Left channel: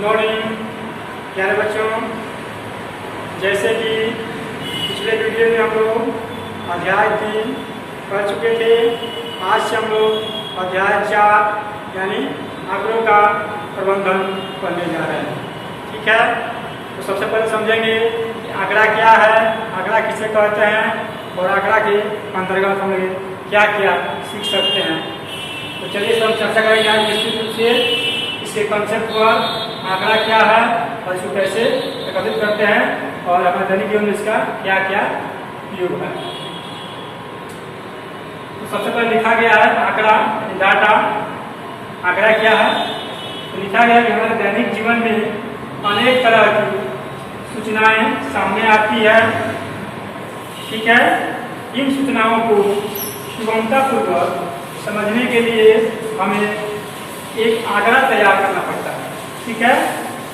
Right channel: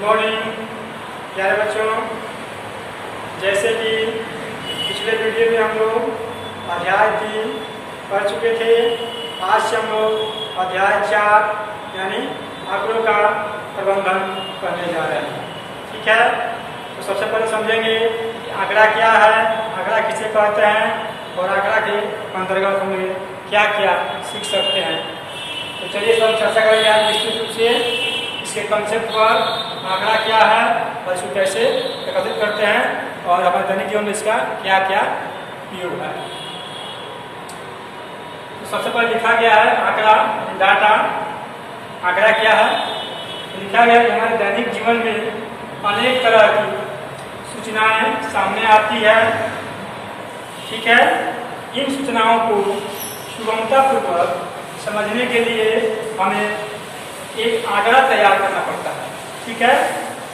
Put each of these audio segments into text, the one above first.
Good morning प्यारे बच्चों। जैसे कि पिछले वीडियो में हम लोग अध्याय 3 पढ़ चुके थे, आज से हम लोग अध्याय 4 यानी आंकड़ों का प्रबंधन पढ़ने जा रहे हैं। ठीक है, तो सबसे पहले समझेंगे कि आंकड़ा क्या है, आंकड़ा किसे कहते हैं और आंकड़ा के अंतर्गत हम क्या क्या सीख सकते हैं। तो चलिए सब चर्चा करेंगे आज निश्चित रूप से इसके कंसेप्ट पर, आंकड़ा क्या है और इसको कैसे एकत्रित करते हैं और अपने दैनिक जीवन में इसका क्या क्या उपयोग है। तो सबसे पहले लिखा गया है आंकड़ा, डाटा। आंकड़ा क्या है, तो लिखा गया है कि हमारे दैनिक जीवन में अनेक तरह की सूचनाएं सामने आती है। ठीक है, इन सूचनाओं को सुगमतापूर्वक समझने के लिए हमें एक आंकड़ा तैयार करना पड़ता है। ठीक है,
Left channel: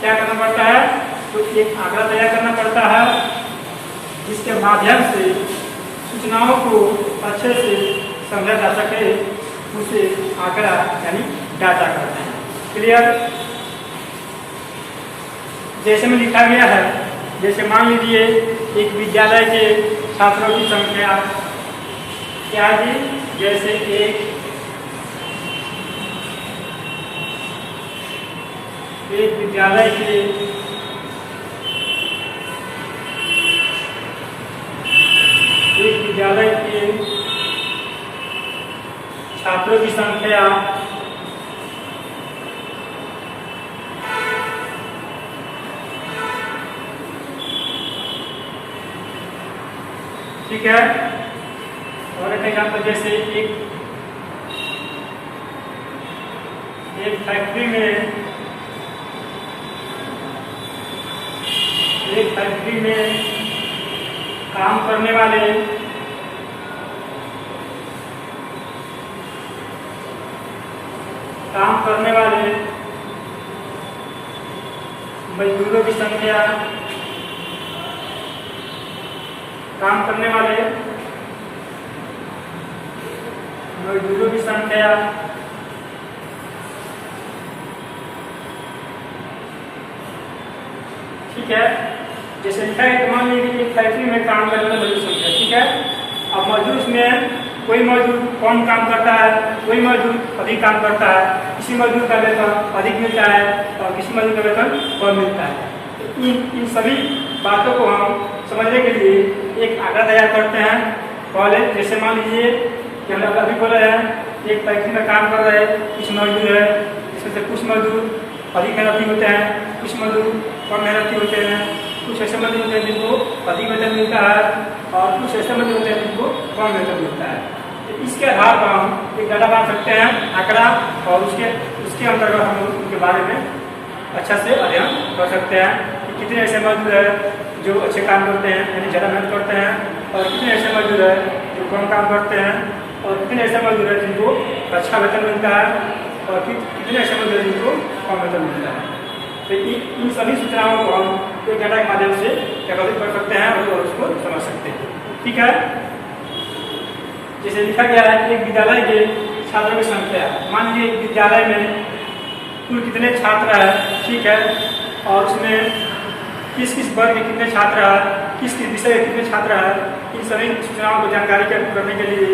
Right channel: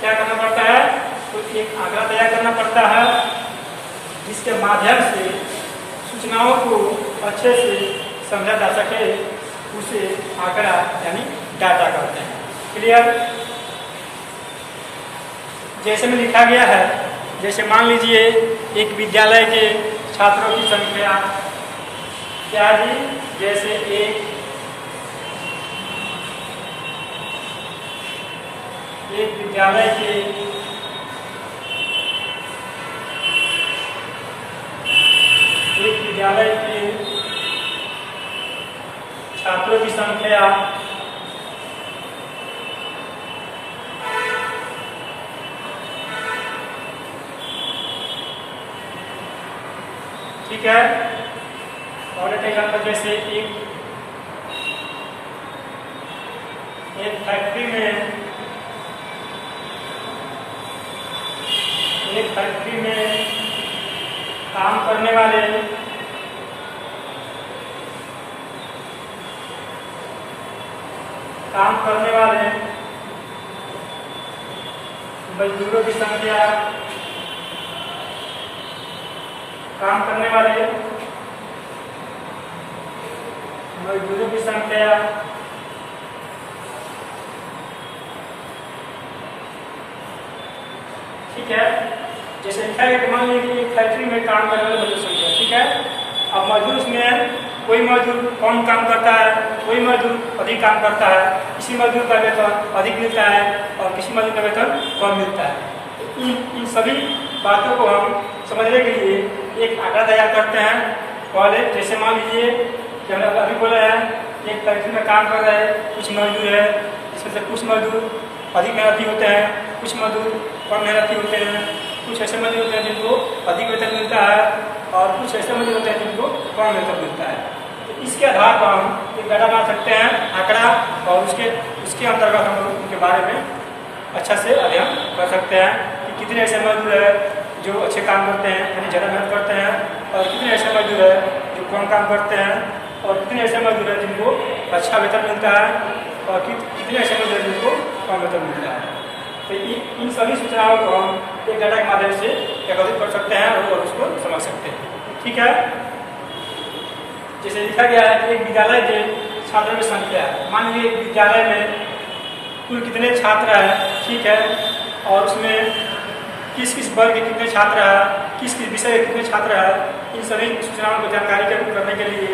क्या करना पड़ता है, तो एक आंकड़ा तैयार करना पड़ता है जिसके माध्यम से सूचनाओं को अच्छे से समझा जा सके, उसे आंकड़ा यानी डाटा कहते हैं। क्लियर? जैसे में लिखा गया है, जैसे मान लीजिए एक विद्यालय के छात्रों की संख्या क्या जी, जैसे एक विद्यालय के छात्रों की संख्या ठीक है। और एक एग्जाम्पल, जैसे एक फैक्ट्री में काम करने वाले मजदूरों की संख्या, ठीक है। जैसे लिखा है, मान लीजिए एक फैक्ट्री में काम करने वाले मजदूर संख्या। ठीक है, अब मजदूर में कोई मजदूर कम काम करता है, कोई मजदूर अधिक काम करता है, किसी मजदूर का वेतन अधिक मिलता है और किसी मजदूर का वेतन कम मिलता है। इन सभी बातों को हम समझने के लिए एक आंकड़ा तैयार करते हैं। पहले जैसे मान लीजिए कि हम अभी बोले हैं, एक फैक्ट्री में काम कर रहे हैं कुछ मजदूर है, इसमें से कुछ मजदूर अधिक मेहनती होते हैं, कुछ मजदूर कम मेहनती होते हैं, कुछ ऐसे मजदूर होते हैं जिनको अधिक वेतन मिलता है और कुछ ऐसे मजदूर होते हैं जिनको कम वेतन मिलता है। तो इसके आधार पर हम एक डाटा बना सकते हैं, आंकड़ा, और उसके अंतर्गत हम लोग उनके बारे में अच्छा से अध्ययन कर सकते हैं कि कितने ऐसे मजदूर है जो अच्छे काम करते हैं यानी ज़्यादा मेहनत करते हैं, और कितने ऐसे मजदूर है जो कम काम करते हैं, और कितने ऐसे मजदूर है जिनको अच्छा वेतन मिलता है, और कितने ऐसे मजदूर है जिनको कम वेतन मिलता है। तो इन सभी सूचनाओं को हम एक डाटा के माध्यम से एकत्रित कर सकते हैं और उसको समझ सकते हैं। ठीक है, जैसे लिखा गया है एक विद्यालय के छात्रों की संख्या, मान लीजिए एक विद्यालय में कुल कितने छात्र हैं। ठीक है, और उसमें किस किस वर्ग के कितने छात्र हैं, किस किस विषय के कितने छात्र हैं, इन सभी सूचनाओं को जानकारी करने के लिए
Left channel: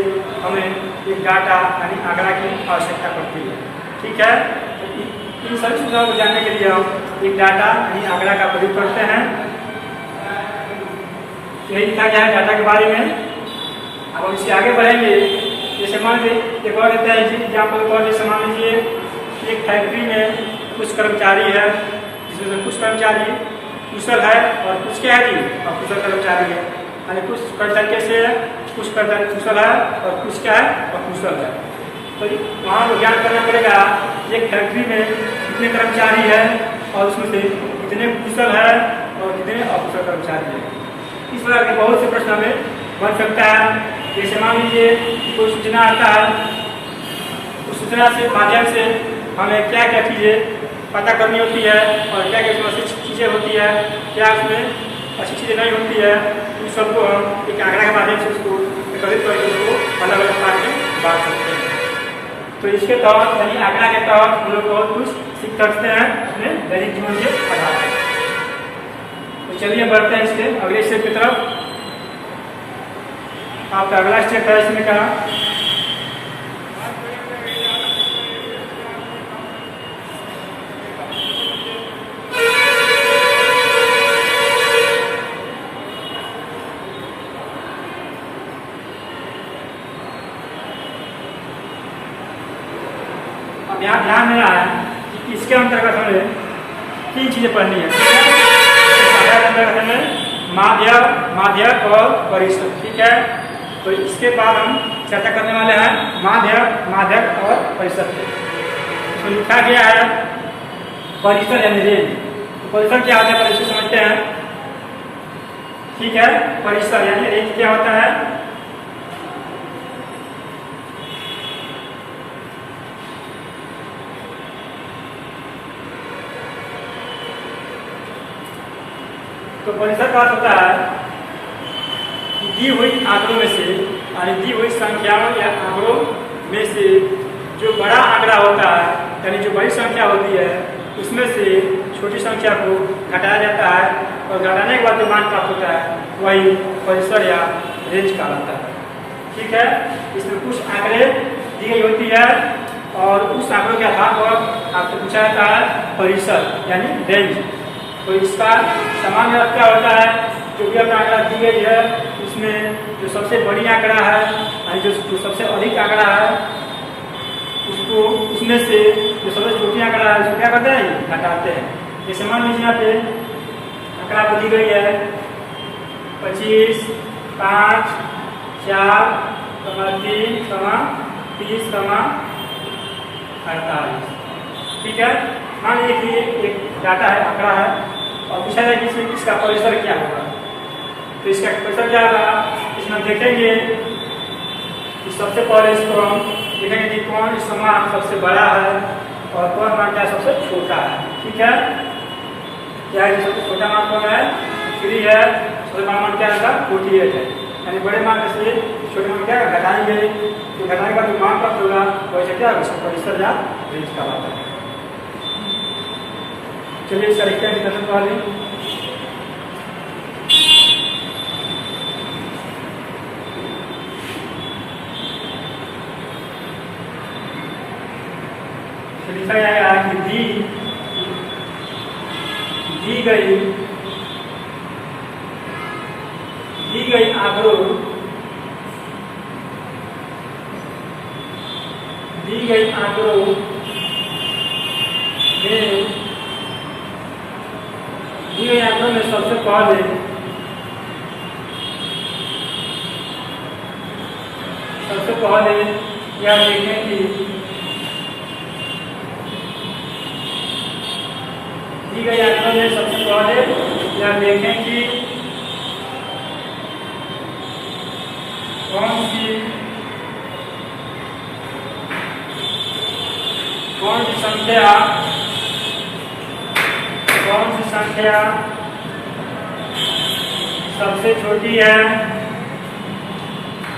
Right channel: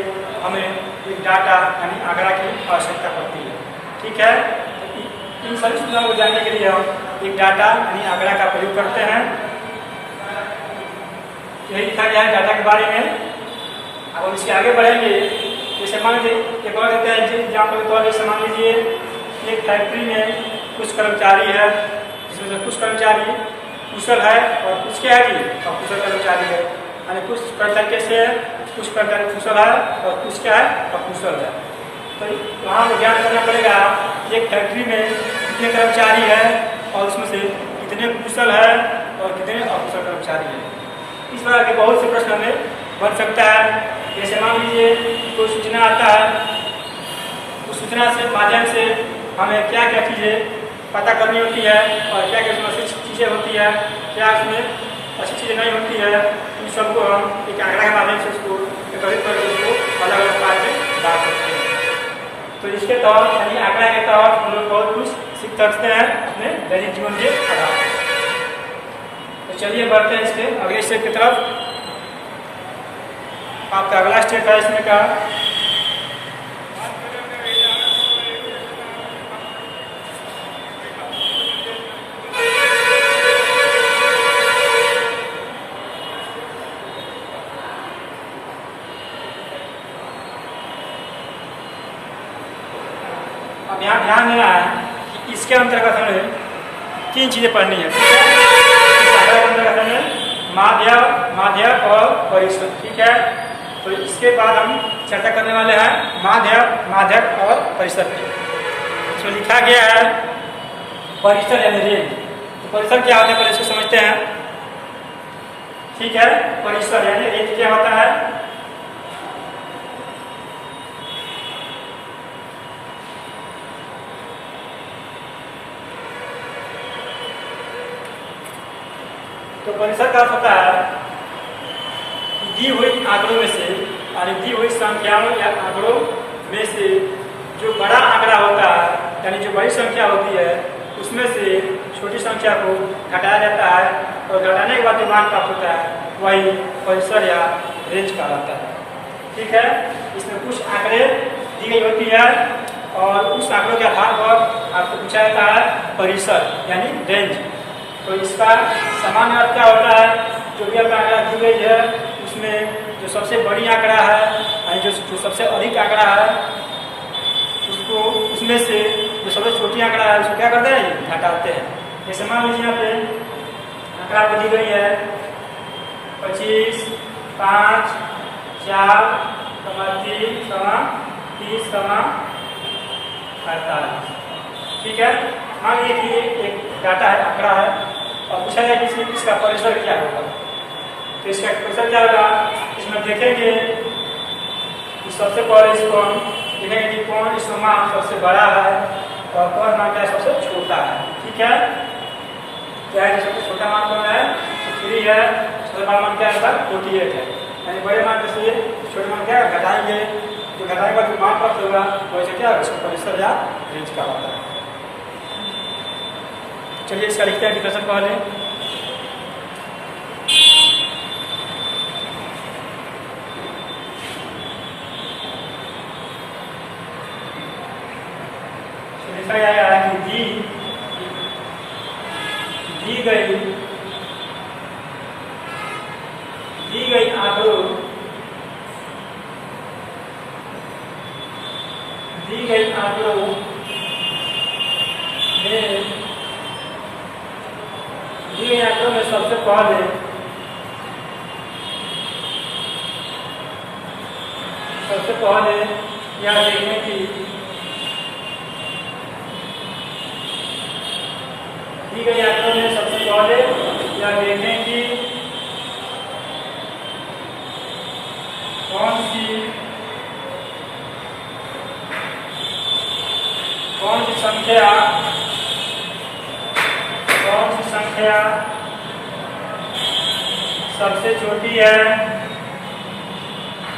हमें एक डाटा यानी आंकड़ा की आवश्यकता पड़ती है। ठीक है, इन सभी सूचनाओं को जानने के लिए हम एक डाटा यानी आंकड़ा का प्रयोग करते हैं। यही लिखा गया है डाटा के बारे में। अब हम इसके आगे बढ़ेंगे। जैसे मान लीजिए एक और देते हैं एग्जाम्पल को, जैसे मान लीजिए एक फैक्ट्री में कुछ कर्मचारी है, जिसमें कुछ कर्मचारी कुशल है और कुछ क्या है जी अकुशल कर्मचारी है, यानी कुछ कर्मचारी कैसे है, कुछ कर्मचारी कुशल है और कुछ क्या है अकुशल है। तो वहाँ को ज्ञान करना पड़ेगा एक फैक्ट्री में कितने कर्मचारी है और उसमें से कितने कुशल है और कितने अकुशल कर्मचारी है। इस तरह के बहुत से प्रश्न हमें बन सकता है। जैसे मान लीजिए कोई सूचना आता है, उस सूचना से माध्यम से हमें क्या क्या चीज़ें पता करनी होती है और क्या क्या उसमें अच्छी चीज़ें होती है, क्या उसमें अच्छी चीज़ें नहीं होती है, इन सबको हम एक आंकड़ा के माध्यम से उसको एकत्रित करके उसको अलग अलग पार्ट में बांट सकते हैं। तो इसके तहत यानी आंकड़ा के तहत हम लोग बहुत कुछ सीख सकते हैं अपने दैनिक जीवन के आधार पर। तो चलिए बढ़ते हैं इसके अगले स्टेप की तरफ। आपका अगला स्टेप है इसमें का यहाँ ध्यान देना है कि इसके अंतर्गत हमें 3 चीजें पढ़नी है। के अंतर्गत हमें माध्यक और परिषद, ठीक है। तो इसके बाद हम चर्चा करने वाले हैं माध्यक और परिषद। इसमें लिखा गया है परिषद यानी रेंज। तो परिषद क्या होता है पहले इसको समझते हैं, ठीक है। परिषद यानी रेंज क्या होता है? तो परिषद का अर्थ होता है कि दी हुई आंकड़ों में से यानी दी हुई संख्याओं या आंकड़ों में से जो बड़ा आंकड़ा होता है यानी जो बड़ी संख्या होती है उसमें से छोटी संख्या को घटाया जाता है और घटाने के बाद जो मान प्राप्त होता है वही परिसर या रेंज कहलाता है, ठीक है। इसमें कुछ आंकड़े दी गई होती है और उस आंकड़ों के आधार पर आपको पूछा जाता है परिसर यानी रेंज। तो इसका सामान्य अर्थ क्या होता है? जो भी आपका आंकड़ा दी गई है उसमें जो सबसे बड़ी आंकड़ा है जो सबसे अधिक आंकड़ा है उसको उसमें से जो सबसे छोटी आंकड़ा है उसको क्या करते हैं? घटाते हैं। जैसे मान लीजिए यहाँ पे आंकड़ा को दी गई है 25, 5, 4, 3, 30, 48, ठीक है। मान लीजिए कि एक डाटा है, आंकड़ा है और पूछा जाए कि इसका परिसर क्या होगा। तो इसका परिसर क्या होगा? इसमें देखेंगे कि सबसे पहले इसको हम देखेंगे कि कौन इसका मान सबसे बड़ा है और कौन मान क्या सबसे छोटा है, ठीक है। क्या है? सबसे छोटा मान कौन है? 3 है। सबसे बड़ा मान क्या है? 48 है। यानी बड़े मान से छोटे मान क्या घटाएंगे, तो घटाने का जो मान प्राप्त होगा वैसे क्या इसका परिसर या रेंज कहलाता है। चलिए इसका लिखते हैं डिस्कशन पहले। लिखा गया है कि दी गई आंकड़ों में सबसे पहले यह देखें कि दी गई आंकड़ों में सबसे पहले यह देखें कि कौन सी संख्या सबसे छोटी है,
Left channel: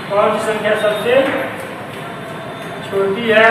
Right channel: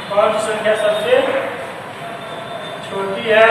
कौन सी संख्या सबसे छोटी है